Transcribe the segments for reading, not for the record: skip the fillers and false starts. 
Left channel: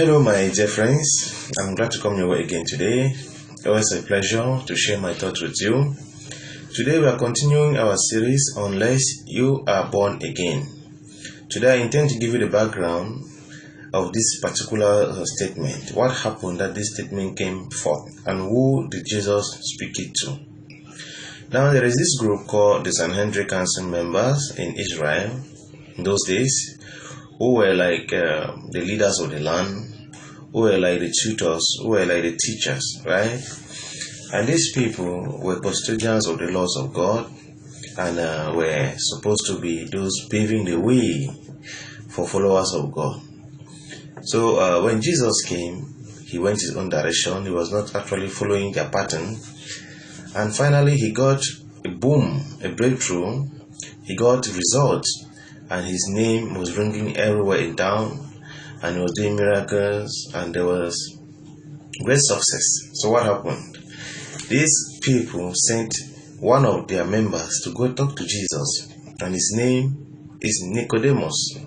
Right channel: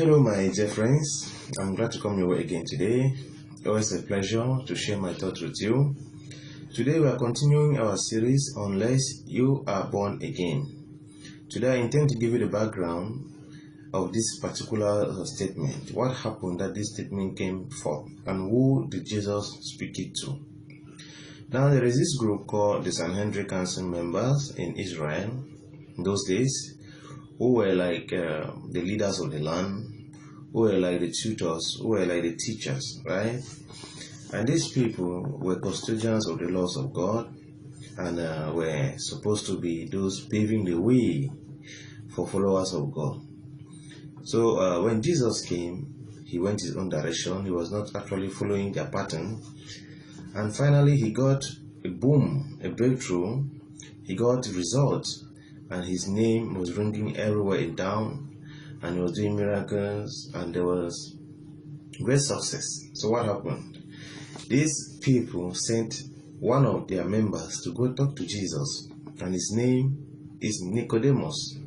Hello my dear friends, I'm glad to come your way again today. Always a pleasure to share my thoughts with you. Today we are continuing our series Unless You Are Born Again. Today I intend to give you the background of this particular statement. What happened that this statement came forth and who did Jesus speak it to? Now there is this group called the Sanhedrin Council members in Israel in those days, who were like the leaders of the land, who were like the tutors, who were like the teachers, right? And these people were custodians of the laws of God and were supposed to be those paving the way for followers of God. So when Jesus came, he went his own direction. He was not actually following their pattern. And finally, he got a boom, a breakthrough. He got results. And his name was ringing everywhere in town, and he was doing miracles, and there was great success. So what happened? These people sent one of their members to go talk to Jesus, and his name is Nicodemus.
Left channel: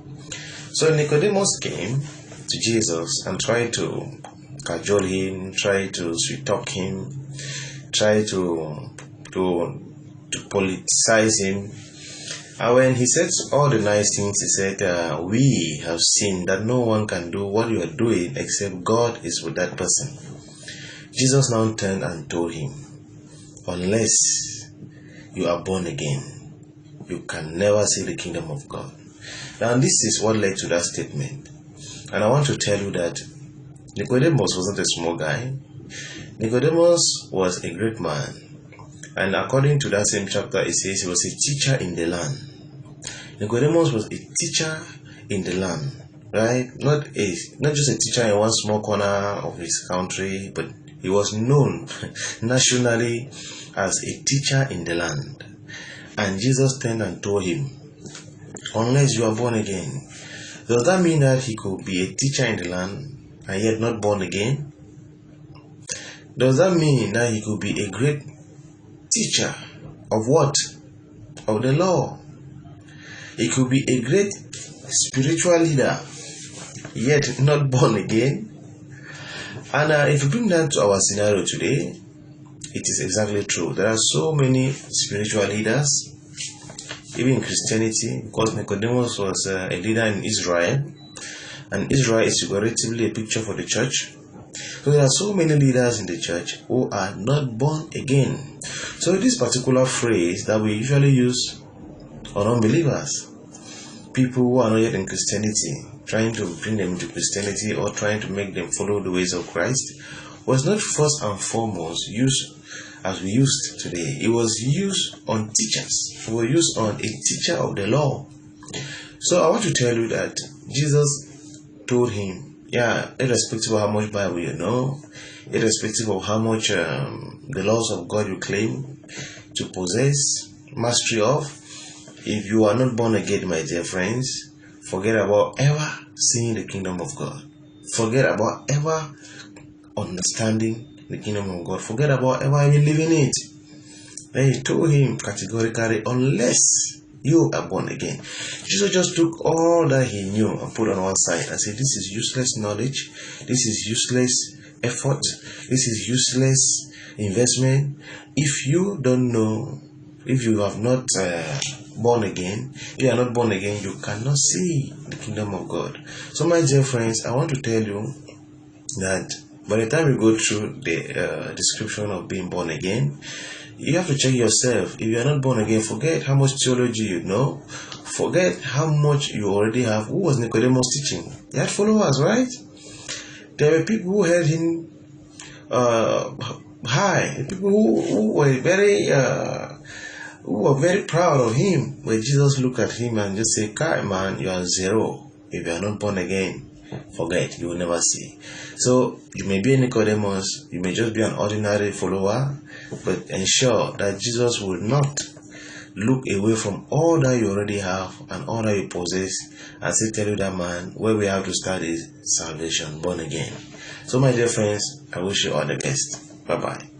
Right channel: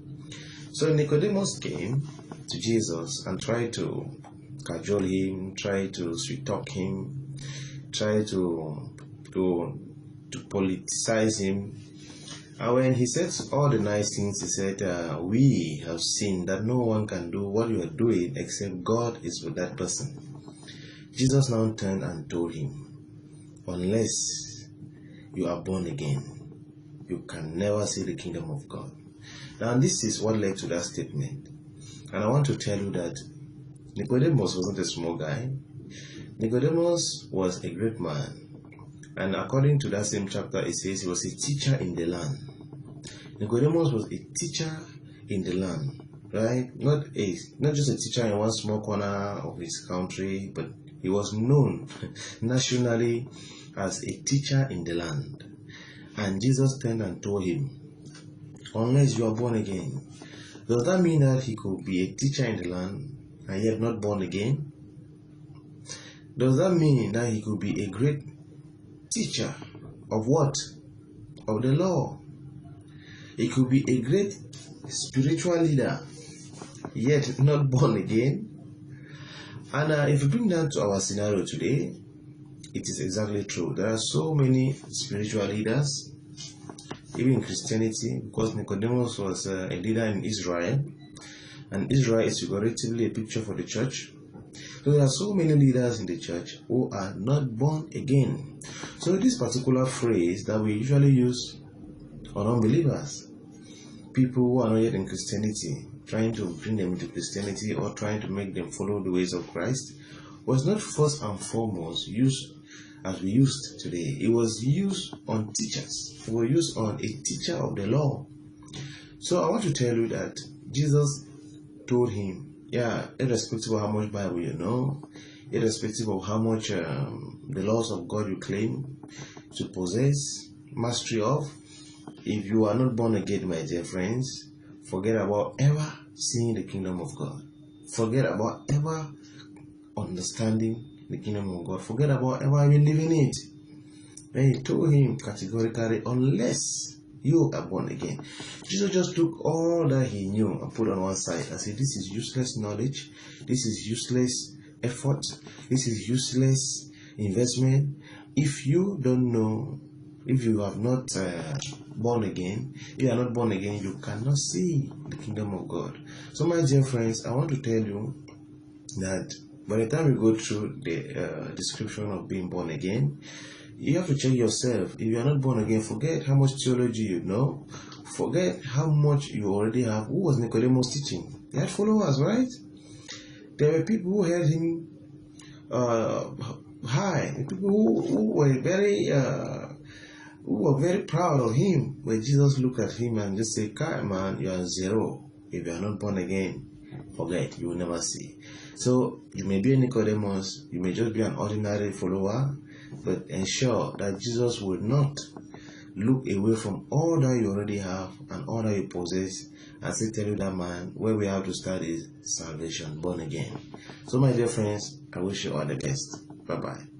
So Nicodemus came to Jesus and tried to cajole him, tried to sweet talk him, tried to politicize him. And when he said all the nice things, he said, we have seen that no one can do what you are doing except God is with that person. Jesus now turned and told him, unless you are born again, you can never see the kingdom of God. Now this is what led to that statement. And I want to tell you that Nicodemus wasn't a small guy. Nicodemus was a great man. And according to that same chapter, it says he was a teacher in the land. Nicodemus was a teacher in the land, right? Not just a teacher in one small corner of his country, but he was known nationally as a teacher in the land. And Jesus turned and told him, unless you are born again. Does that mean that he could be a teacher in the land and yet not born again? Does that mean that he could be a great teacher of what? Of the law. He could be a great spiritual leader, yet not born again. And if you bring that to our scenario today, it is exactly true. There are so many spiritual leaders, even in Christianity, because Nicodemus was a leader in Israel, and Israel is figuratively a picture for the church. So there are so many leaders in the church who are not born again. So this particular phrase that we usually use on unbelievers, people who are not yet in Christianity, trying to bring them into Christianity or trying to make them follow the ways of Christ, was not first and foremost used as we used today. It was used on teachers. It was used on a teacher of the law. So I want to tell you that Jesus told him, irrespective of how much Bible you know, irrespective of how much the laws of God you claim to possess mastery of, if you are not born again, my dear friends, forget about ever seeing the kingdom of God. Forget about ever understanding the kingdom of God. Forget about ever even living it. Then he told him categorically, unless you are born again. Jesus just took all that he knew and put on one side and said, this is useless knowledge, this is useless effort, this is useless investment. If you don't know, if you have not born again, if you are not born again, you cannot see the kingdom of God. So my dear friends, I want to tell you that by the time you go through the description of being born again, you have to check yourself. If you are not born again, forget how much theology you know. Forget how much you already have. Who was Nicodemus teaching? He had followers, right? There were people who held him high. People who were very proud of him. When Jesus looked at him and just said, "Kai man, you are zero. If you are not born again, forget, you will never see." So you may be a Nicodemus, you may just be an ordinary follower, but ensure that Jesus will not look away from all that you already have and all that you possess and say, tell you that, man, where we have to start is salvation, born again. So my dear friends, I wish you all the best. Bye bye.